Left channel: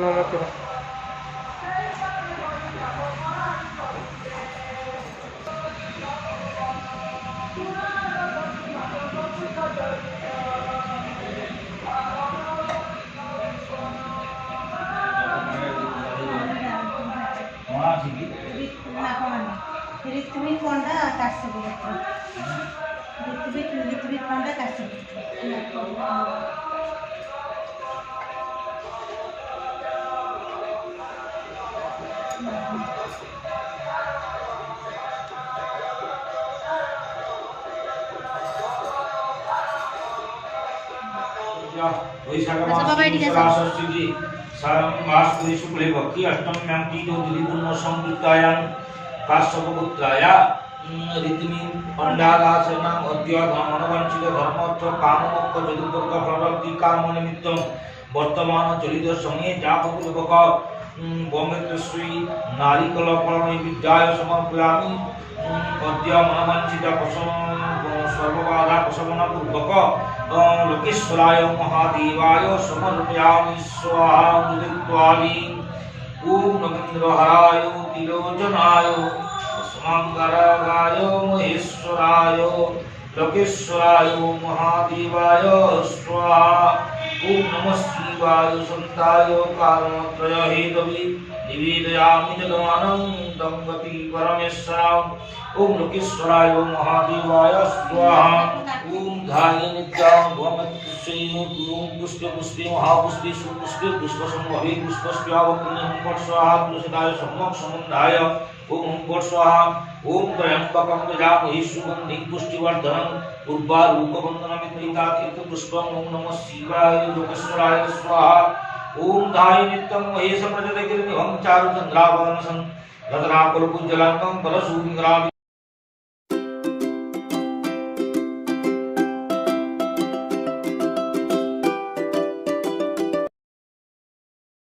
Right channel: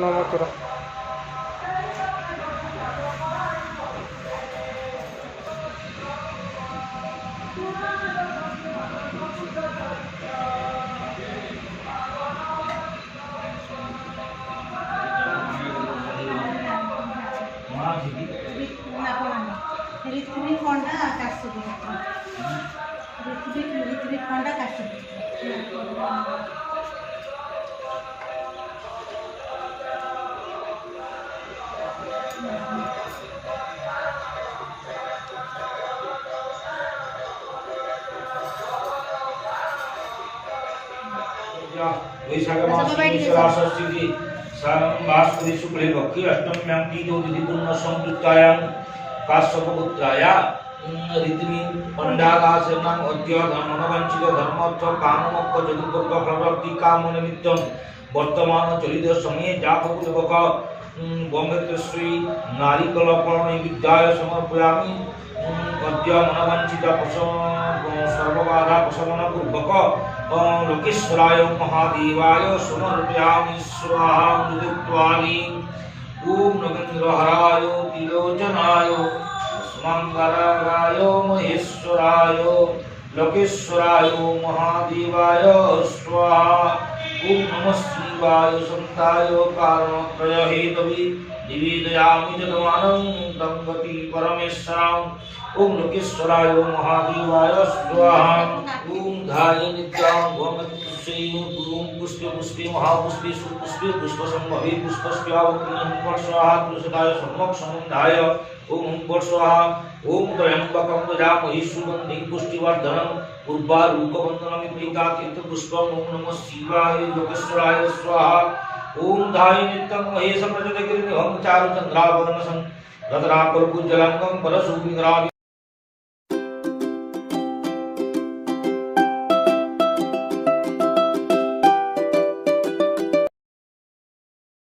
नाम करो ऋत्विक कोंडा काश्यप ऋत्विक कोंडा काश्यप वैशाख मासि भास्करी शुक्ले भक्ति अष्टम्यां तीजोतिथिपूर्ण संयुक्तायां काश्यपपुत्राया ऋतिमी पंडागासनां अद्य मनोवांछित धर्मर्थ काममोक्ष चतुर्वर्ग फलप्राप्ति काम निमित्तं वर्तमान चलित समये जातक गोमेत्रश्री नारिकल फल विद्याय समर्पयामि अद्य मनोवांछित सर्वबाधा प्रशमन पूर्वक लोकेश्वराय महादेवाय समर्पयामि स्वाहा नृत्वादि ओम नगेन्द्रहराय तिलोचनाय मंगलाय महेश्वराय लोकेश्वराय महादेवाय स्वाहा ओम नमः शिवाय संताय कारणत्रय हेतवे निवेदयामि जगमानन्दं गति परमेश्वराम् ओम लोकेश्वराय महादेवाय स्वाहा ओम धाये नित्यां गोमत्स्यै ओम पुष्पे पुष्पे महापुष्पे सुपुष्पे पुष्पसंभवे पुष्पस्यावतीर्णं फट् स्वाहा तुलसीदाय सम्यक् समुद्धाय ओम फट् स्वाहा ओम त्र्यंबकं यजामहे सुगन्धिं पुष्टिवर्धनं उर्वारुकवन्दनमित्रिका तीर्थपुष्पम् ओम नमः शिवाय लोकेश्वराय स्वाहा ओम धाये नित्यं महेश प्रचोदयगिरिनिभं चारुचन्द्रावरणं रत्नाकरकुज्जलाङ्गं परशुविग्रहाणि